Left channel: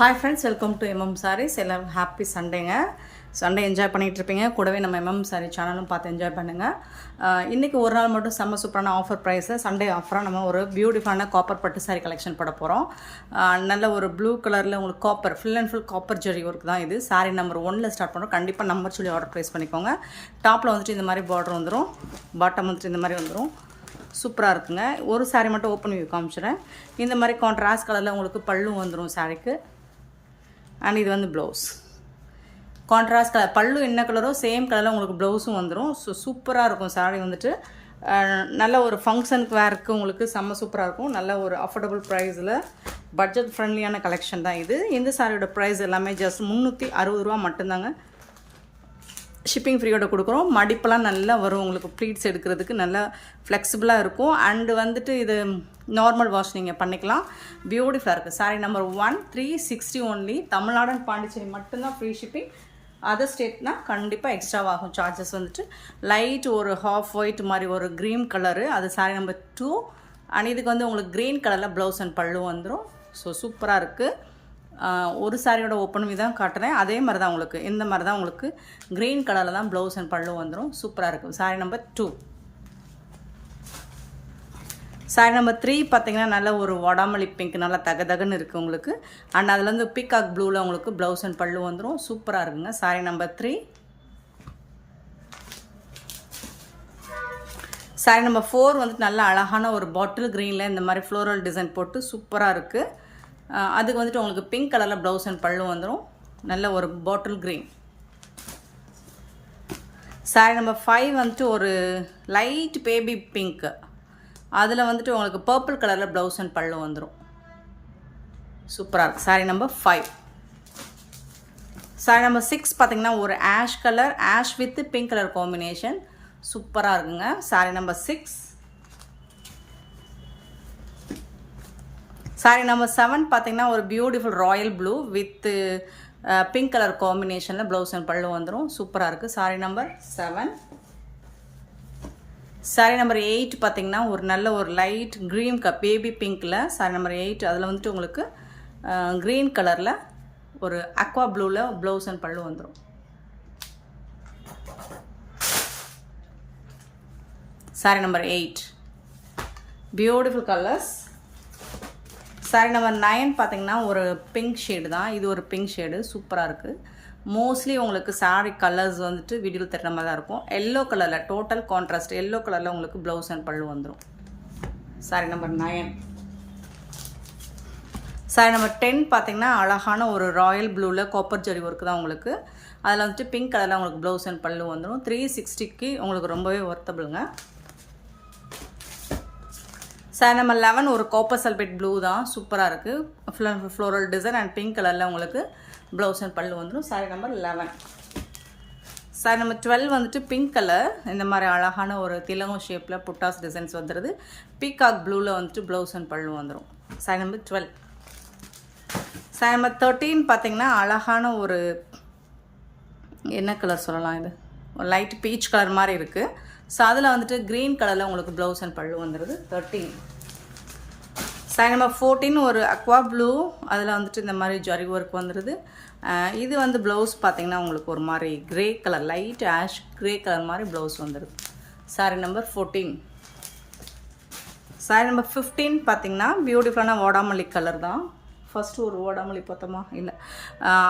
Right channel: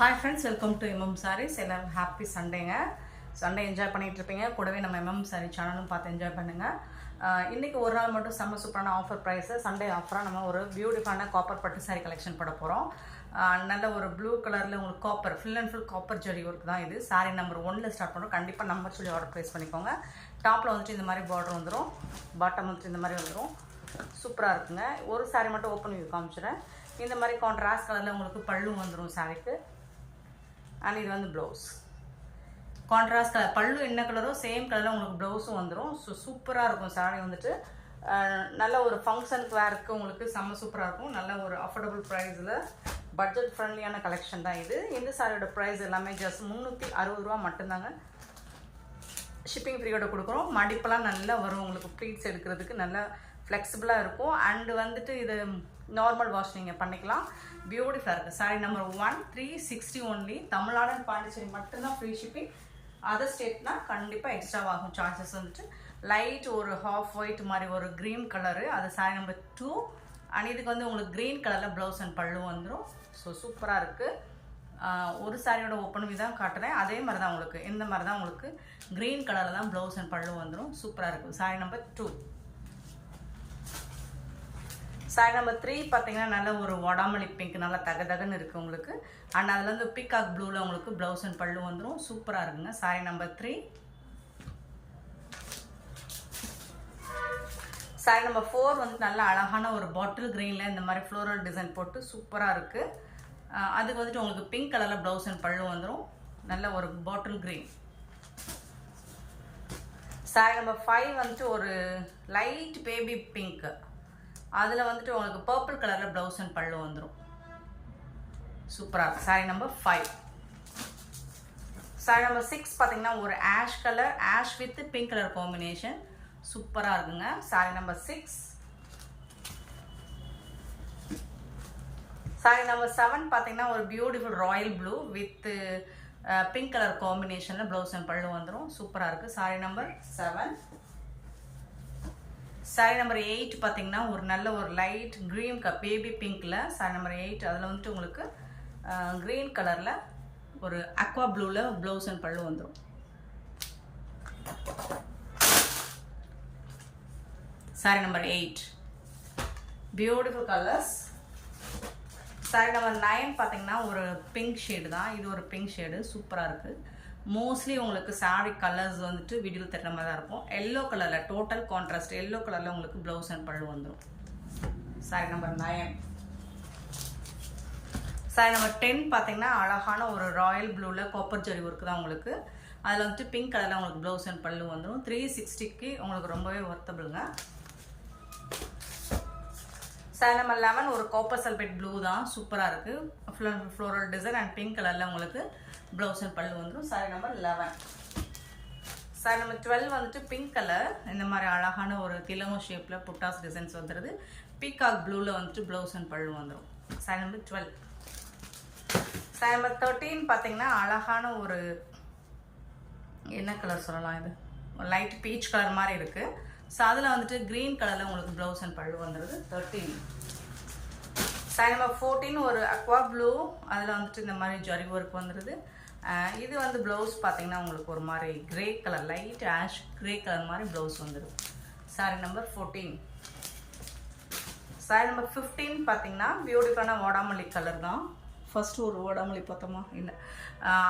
Hi friends, welcome to MM Sarees. எல்லாரும் happy சண்டேங்க. Sunday enjoy பண்ணிகிட்டு இருப்பீங்க. கூடவே நம்ம MM Saree சேனலும் பார்த்து என்ஜாய் பண்ணுங்கள். இன்றைக்கி ஒரு நாள் மட்டும் செம்ம சூப்பரான ஆஃபர் ப்ரைஸில் சண்டே ஆஃபராக நம்ம ஒரு பியூட்டிஃபுல்லான காப்பர் பட்டு சாரீ கலெக்ஷன் போட போகிறோம். நல்ல ஒரு ப்ளூ கலரில் உங்களுக்கு copper full and full copper zari work தான் இது. சாரீ நம்பர் 1ல் ஸ்டார்ட் பண்ணுறோம். கண்டிப்பாக நம்பர் சொல்லி ஆர்டர் ப்ரைஸ் பண்ணிக்கோங்க. டாப்பில் வந்துட்டு இந்த மாதிரி பார்டர் வந்துடும், பாட்டம் வந்துட்டு இந்த மாதிரி வந்துடும். சூப்பராக இருக்குங்க. ஒரு சாரீ மட்டும் ஓப்பன் பண்ணி காமிச்சிடுறேன். இந்த மாதிரி கான்ட்ராஸ்ட் கலரில் உங்களுக்கு பல்லு வந்துடும் சாரீக்கு. அண்ட் இது வந்து ப்ளவுஸ் கான்ட்ராஸ்ட் கலர், பல்லு என்ன கலரோ சேம் கலரில் உங்களுக்கு ப்ளவுஸும் வந்துடும். ஸோ சூப்பராக இருக்கும் சாரீ வந்துட்டு. நல்ல ஒரு ஃபங்க்ஷனுக்கு வேருக்கு உங்களுக்கு செம்ம சூப்பராக இருக்கும். நல்ல ஒரு அஃபோர்டபுள் ப்ரைஸில் பட்ஜெட் ஃப்ரெண்ட்லியான கலெக்ஷன் தான் இது. இந்த சாரியோட ப்ரைஸ் எல்லாமே ஜஸ்ட் 360 ரூபா மட்டும்தாங்க. ஷிப்பிங் ஃப்ரீயோட கொடுக்குறோம். மடிப்பெல்லாம் நல்லா வரும் உங்களுக்கு. ப்ளீட்ஸ் எடுக்கிறதுக்கு நல்லா ஃப்ளெக்சிபிளாக இருக்கும். அண்டு வந்துட்டு இது நார்மல் வாஷ் நீங்கள் பண்ணிக்கலாம். பியூட்டிஃபுல்லாக இருக்குது. Sari number 1 360 only. Tamil Nadu and Pondicherry மட்டும்தான் ஃப்ரீ ஷிப்பிங். அதர் ஸ்டேட்னா கண்டிப்பாக எக்ஸ்ட்ராவாகும் சார்ஜஸ். வந்துட்டு லைட் ஒரு ஹாஃப் ஒயிட் மாதிரி ஒரு க்ரீன் கலரு, அது சாரீ நம்பர் 2. அண்ட் இதுக்கு வந்து உங்களுக்கு க்ரீன் கலரில் ப்ளவுஸ் அண்ட் பல்லு வந்துடும். ஸோ சூப்பராக இருக்குது. ஒரு சாரியோட ஓப்பன் தான் காட்டுறேன். அதே மாதிரி தான் உங்களுக்கு இந்த மாதிரி தான் உங்களுக்கு க்ரீன் கலரில் தான் ப்ளவுஸ் அண்ட் பல்லு வந்துடும். சூப்பராக இருக்குது. சாரீ நம்பர் 2. சாரீ நம்பர் 3 பார்த்தீங்கன்னா நல்ல ஒரு வடாமல்லி பிங்க், நல்லா தகதகன்னு இருக்குது உங்களுக்கு. அண்ட் அதில் வந்து பீகாக் ப்ளூவில் உங்களுக்கு ப்ளவுஸ் அண்ட் பல்லு வந்துடும். சூப்பராக இருக்குங்க. சாரீ நம்பர் 3. சாரீ நம்பர் 4 வந்துட்டு நல்ல அழகான ஒரு பாட்டில் க்ரீனில் இந்த மாதிரி ஃப்ளோரல் டிசைன் போட்டு சூப்பராக இருக்குது. அதுக்கு வந்துட்டு உங்களுக்கு பிங்க் கலரில் ப்ளவுஸ் அண்ட் பல்லு வந்துடும். நல்ல ஒரு பாட்டில் க்ரீன். சாரீ நம்பர் 5 வந்துட்டு ஒரு லைட் பேபி பிங்க், அதில் வந்துட்டு உங்களுக்கு பர்பிள் கலரில் ப்ளவுஸ் அண்ட் பல்லு வந்துடும். சூப்பராக இருக்குது. சாரீ நம்பர் 5. சாரீ நம்பர் 6 பார்த்தீங்கன்னா ஒரு ash colour, ash with pink colour combination. சூப்பராக இருக்குங்க. சாரீ நம்பர் 6. சாரீ நம்பர் 7 பார்த்தீங்கன்னா ஒரு beautiful Royal blue with pink colour காம்பினேஷனில் ப்ளவுஸ் அண்ட் பல்லு வந்துடும். சூப்பராக இருக்குது. சாரீ நம்பர் 7. சாரீ நம்பர் 8 பார்த்தீங்கன்னா ஒரு நல்ல ஒரு லைட் க்ரீன் பேபி பிங்க்கில் சாரீ நம்பர் 8. அதில் வந்துட்டு உங்களுக்கு க்ரீன் கலரில் ஒரு அக்வா ப்ளூவில் ப்ளவுஸ் அண்ட் பல்லு வந்துடும். Sari number 8 beautiful colours. Sari number 9 பார்த்தீங்கன்னா ஒரு பிங்க் ஷேடு தான். இது ஒரு பிங்க் ஷேடு சூப்பராக இருக்குது. மோஸ்ட்லி உங்களுக்கு சாரீ கலர்ஸ் வந்துட்டு வீடியோவில் தட்டுற மாதிரி தான் இருக்கும். எல்லோ கலரில் டோட்டல் கான்ட்ராஸ்ட் எல்லோ கலரில் உங்களுக்கு ப்ளவுஸ் அண்ட் பல்லு வந்துடும். சாரீ நம்பர் 9. சாரீ நம்பர் 10 பார்த்தீங்கன்னா அழகான ஒரு ராயல் ப்ளூவில் காப்பர் ஜெரி ஒர்க்கு தான் உங்களுக்கு. அதில் வந்துட்டு பிங்க் கலரில் உங்களுக்கு ப்ளவுஸ் அண்ட் பல்லு வந்துடும். 360க்கு உங்களுக்கு ரொம்பவே ஒர்த்தபிளுங்க. சாரீ நம்பர் 11 ஒரு காப்பர் சல்பேட் ப்ளூ தான். சூப்பராக இருக்குது. ஃப்ளோரல் டிசைன் அண்ட் பிங்க் கலரில் உங்களுக்கு ப்ளவுஸ் அண்ட் பல்லு வந்துடும். சாரீ நம்பர் 11. சாரீ நம்பர் 12 வந்துட்டு பிங்க் கலர், இந்த மாதிரி அழகான ஒரு திலகம் ஷேப்பில் புட்டாஸ் டிசைன்ஸ் வந்துடுது. பீகாக் ப்ளூவில் வந்துட்டு ப்ளவுஸ் அண்ட் பல்லு வந்துடும். சாரீ நம்பர் 12. சாரீ நம்பர் 13 பார்த்தீங்கன்னா அழகான ஒரு என்ன கலர் சொல்லலாம், இது ஒரு லைட் பீச் கலர் மாதிரி இருக்குது. ஸோ அதில் வந்துட்டு க்ரீன் கலரில் உங்களுக்கு ப்ளவுஸ் அண்ட் பல்லு வந்துடுது. 13. சாரீ நம்பர் 14 ஒரு அக்வா ப்ளூ, அதில் வந்துட்டு இந்த மாதிரி ஜரி ஒர்க் வந்துடுது. இது வந்து ப்ளவுஸ் பார்த்தீங்கன்னா உங்களுக்கு ஒரு மாதிரி grey colour, light ash grey colour மாதிரி ப்ளவுஸ் வந்துடுது. சாரீ நம்பர் 14. சாரீ நம்பர் 15 பார்த்தீங்கன்னா பியூட்டிஃபுல்லான வாடாமல்லி கலர் தான். ஃபஸ்ட்டு ஒரு வாடாமல்லி பார்த்தோமா, இல்லை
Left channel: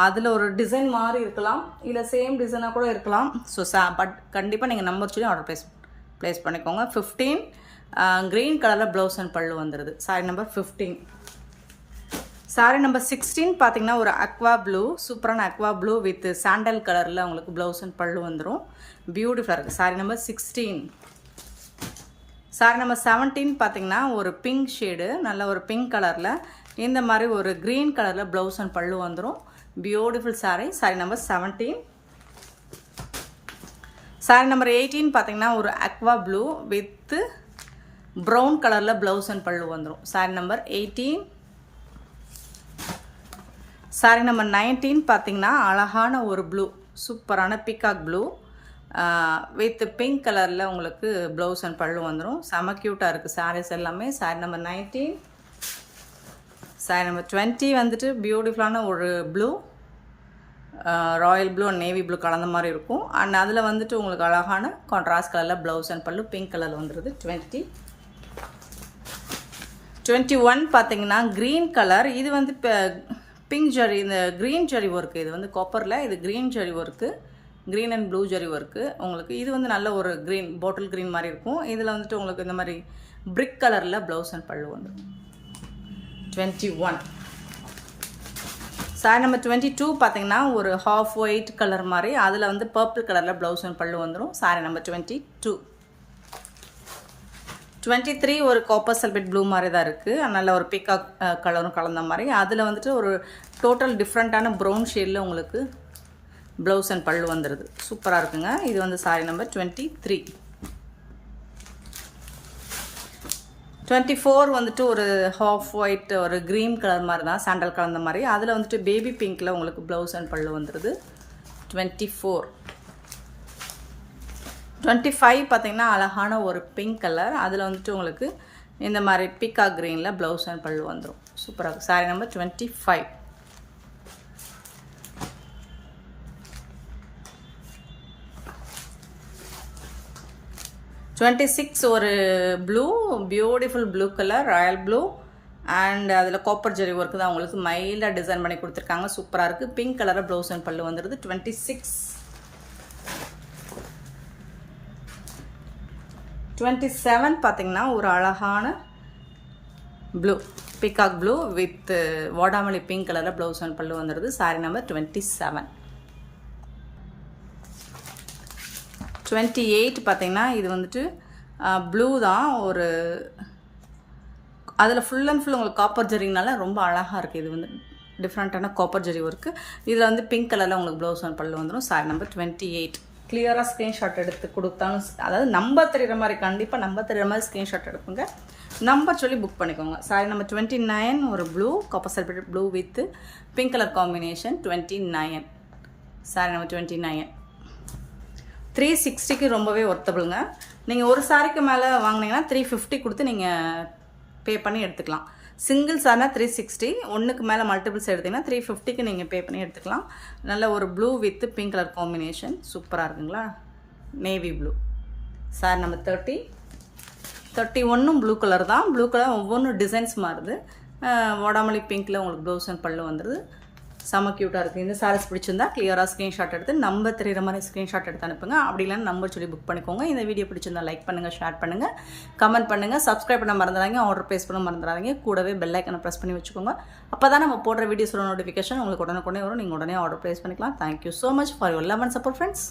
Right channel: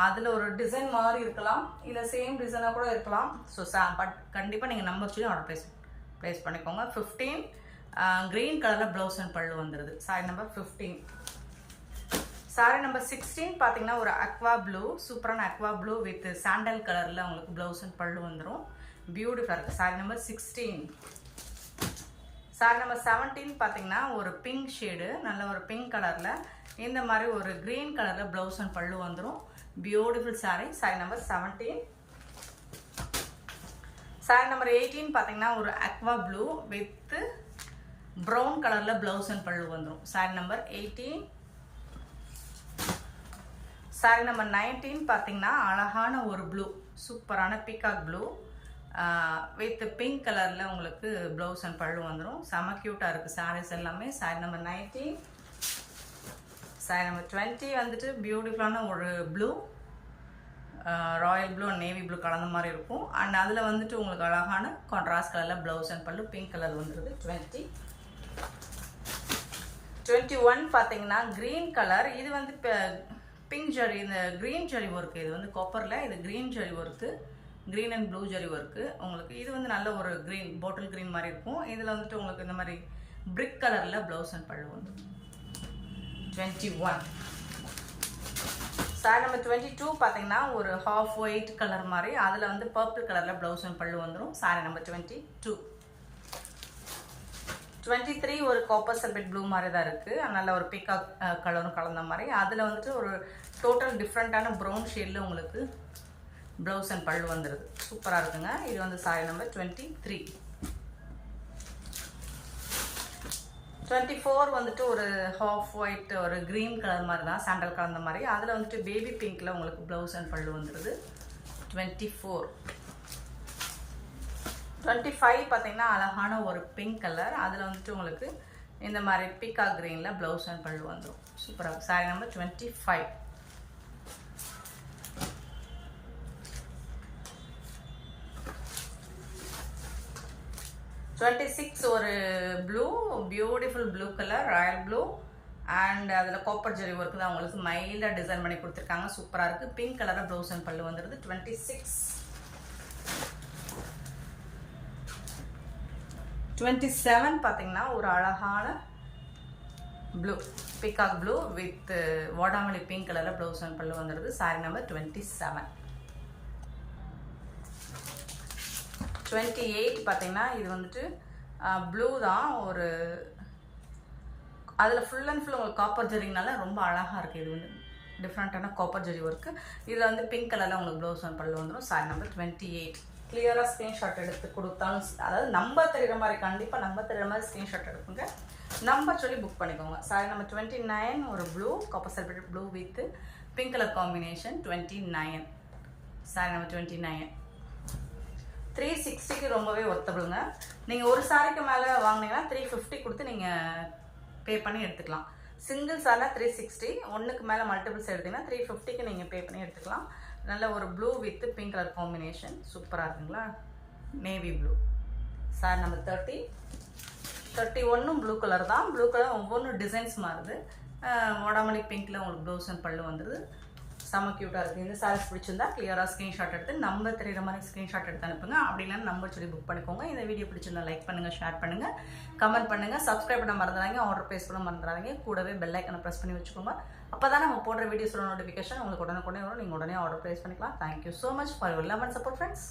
அதில் ஒரு டிசைன் மாதிரி இருக்கலாம், இல்லை சேம் டிசைனாக கூட இருக்கலாம். ஸோ பட் கண்டிப்பாக நீங்கள் நம்பர் சொல்லி ஆர்டர் ப்ளேஸ் பண்ணிக்கோங்க. 15 க்ரீன் கலரில் ப்ளவுஸ் அண்ட் பல்லு வந்துடுது. சாரீ நம்பர் 15. சாரீ நம்பர் 16 பார்த்தீங்கன்னா ஒரு அக்வா ப்ளூ, சூப்பரான அக்வா ப்ளூ வித் சாண்டல் கலரில் உங்களுக்கு ப்ளவுஸ் அண்ட் பல்லு வந்துடும். பியூட்டிஃபுல்லாக இருக்குது. சாரீ நம்பர் 16. சாரீ நம்பர் 17 பார்த்தீங்கன்னா ஒரு பிங்க் ஷேடு, நல்ல ஒரு பிங்க் கலரில் இந்த மாதிரி ஒரு க்ரீன் கலரில் ப்ளவுஸ் அண்ட் பல்லு வந்துடும். Beautiful sari. Sari number 17. Sari number 18 பார்த்தீங்கன்னா ஒரு அக்வா ப்ளூ வித் ப்ரௌன் கலரில் ப்ளவுஸ் அண்ட் பல்லு வந்துடும். சாரீ நம்பர் 18. சாரீ நம்பர் 19 பார்த்தீங்கன்னா அழகான ஒரு ப்ளூ, சூப்பரான பீகாக் ப்ளூ வித் பிங்க் கலரில் உங்களுக்கு ப்ளவுஸ் அண்ட் பல்லு வந்துடும். செம க்யூட்டாக இருக்குது சாரீஸ் எல்லாமே. சாரீ நம்பர் 19. சாரி நம்பர் 20 வந்துட்டு பியூட்டிஃபுல்லான ஒரு blue, Royal blue and navy blue கலந்த மாதிரி இருக்கும். அண்ட் அதில் வந்துட்டு உங்களுக்கு அழகான கான்ட்ராஸ்ட் கலரில் ப்ளவுஸ் அண்ட் பல்லு பிங்க் கலரில் வந்துடுது. 21 பார்த்தீங்கன்னா க்ரீன் கலர். இது வந்து இப்போ பிங்க் ஜரி, இந்த க்ரீன் ஜரி ஒர்க்கு. இது வந்து காப்பரில், இது green zari work, green and blue zari work. உங்களுக்கு இது வந்து நல்ல ஒரு க்ரீன், பாட்டில் க்ரீன் மாதிரி இருக்கும். இதில் வந்துட்டு உங்களுக்கு இந்த மாதிரி பிரிக் கலரில் ப்ளவுஸ் அண்ட் பல்லு வந்துடும். 21 சாரி நம்பர் 22 பார்த்தீங்கன்னா ஒரு ஹாஃப் ஒயிட் கலர் மாதிரி, அதில் வந்து பர்பிள் கலரில் ப்ளவுஸ் அண்ட் பல்லு வந்துடும். Sorry number 22. 23 ஒரு காப்பர் சல்பேட் ப்ளூ மாதிரி தான் இருக்குது. நல்ல ஒரு பிக்காக் கலரும் கலந்த மாதிரி. அதில் வந்துட்டு ஒரு டோட்டல் டிஃப்ரெண்ட்டான ப்ரௌன் ஷேடில் உங்களுக்கு ப்ளவுஸ் அண்ட் பல்லு வந்துடுது. சூப்பராக இருக்குங்க. இது வந்து சாரி நம்பர் 23. 24 வந்துட்டு ஒரு ஹாஃப் ஒயிட், ஒரு க்ரீன் கலர் மாதிரி தான், சாண்டல் கலந்த மாதிரி. அதில் வந்துட்டு பேபி பிங்க்கில் உங்களுக்கு ப்ளவுஸ் அண்ட் பல்லு வந்துடுது. 24. 25 பார்த்தீங்கன்னா அழகான ஒரு பிங்க் கலர். அதில் வந்துட்டு உங்களுக்கு இந்த மாதிரி பிக்கா க்ரீனில் ப்ளவுஸ் அண்ட் பல்லு வந்துடும். சூப்பராக இருக்கும். Sorry number 25. 26 ஒரு blue, beautiful blue colour, Royal blue and அதில் காப்பர் ஜெரி ஒர்க்கு தான் உங்களுக்கு மைல்டாக டிசைன் பண்ணி கொடுத்துருக்காங்க. சூப்பராக இருக்குது. பிங்க் கலரில் ப்ளவுஸ் அண்ட் பல்லு வந்துடுது. 26. 27 பார்த்தீங்கன்னா ஒரு அழகான ப்ளூ, பிகாக் ப்ளூ வித் வாடாமல்லி பிங்க் கலரில் ப்ளவுஸ் அண்ட் பல்லு வந்துடுது. Sorry number 27. 28 பார்த்தீங்கன்னா இது வந்துட்டு ப்ளூ தான், ஒரு அதில் ஃபுல் அண்ட் ஃபுல் உங்களுக்கு காப்பர் ஜெரினால ரொம்ப அழகாக இருக்குது. இது வந்து டிஃப்ரெண்ட்டான காப்பர் ஜெரி ஒர்க்கு. இதில் வந்து பிங்க் கலரில் உங்களுக்கு ப்ளவுஸ் அண்ட் பல்லு வந்துடும். Sorry number 28. கிளியராக ஸ்க்ரீன்ஷாட் எடுத்து கொடுத்தாலும், அதாவது நம்பர் தெரிகிற மாதிரி, கண்டிப்பாக நம்பர் தெரிகிற மாதிரி ஸ்க்ரீன்ஷாட் எடுக்குங்க. நம்பர் சொல்லி புக் பண்ணிக்கோங்க. சாரி நம்பர் 29 ஒரு blue, copper sulphate blue with pink colour combination. 29. Sorry number 29. 360க்கு ரொம்பவே ஒர்த்தபிளுங்க. நீங்கள் ஒரு சாரிக்கு மேலே வாங்கினீங்கன்னா 350 கொடுத்து நீங்கள் பே பண்ணி எடுத்துக்கலாம். சிங்கிள் சார்னா 360, ஒன்றுக்கு மேலே மல்டிபிள்ஸ் எடுத்திங்கன்னா 350க்கு நீங்கள் பே பண்ணி எடுத்துக்கலாம். நல்ல ஒரு blue with pink colour combination. சூப்பராக இருக்குங்களா? Navy blue. Sorry number 30. 31 blue colour தான். ப்ளூ கலர் ஒவ்வொன்றும் டிசைன்ஸ் மாறுது. வாடாமல்லி பிங்க்கில் உங்களுக்கு ப்ளவுஸ் அண்ட் பல்லு வந்துடுது. செம்ம க்யூட்டாக இருக்குது. இந்த சாரீஸ் பிடிச்சிருந்தா கிளியராக ஸ்க்ரீன்ஷாட் எடுத்து நம்பர் தெரிகிற மாதிரி ஸ்க்ரீன்ஷாட் எடுத்து அனுப்புங்க. அப்படி இல்லைன்னா நம்பர் சொல்லி புக் பண்ணிக்கோங்க. இந்த வீடியோ பிடிச்சிருந்தா லைக் பண்ணுங்கள், ஷேர் பண்ணுங்கள், கமெண்ட் பண்ணுங்கள், சப்ஸ்கிரைப் பண்ண மறந்துடாதீங்க, ஆர்டர் ப்ளேஸ் பண்ண மறந்துடாதீங்க. கூடவே பெல் ஐக்கனை ப்ரெஸ் பண்ணி வச்சுக்கோங்க. அப்போ தான் நம்ம போடுற வீடியோஸோட நோட்டிஃபிகேஷன் உங்களுக்கு உடனே வரும். நீங்கள் உடனே ஆர்டர் ப்ளேஸ் பண்ணிக்கலாம். Thank you so much for your love and support friends.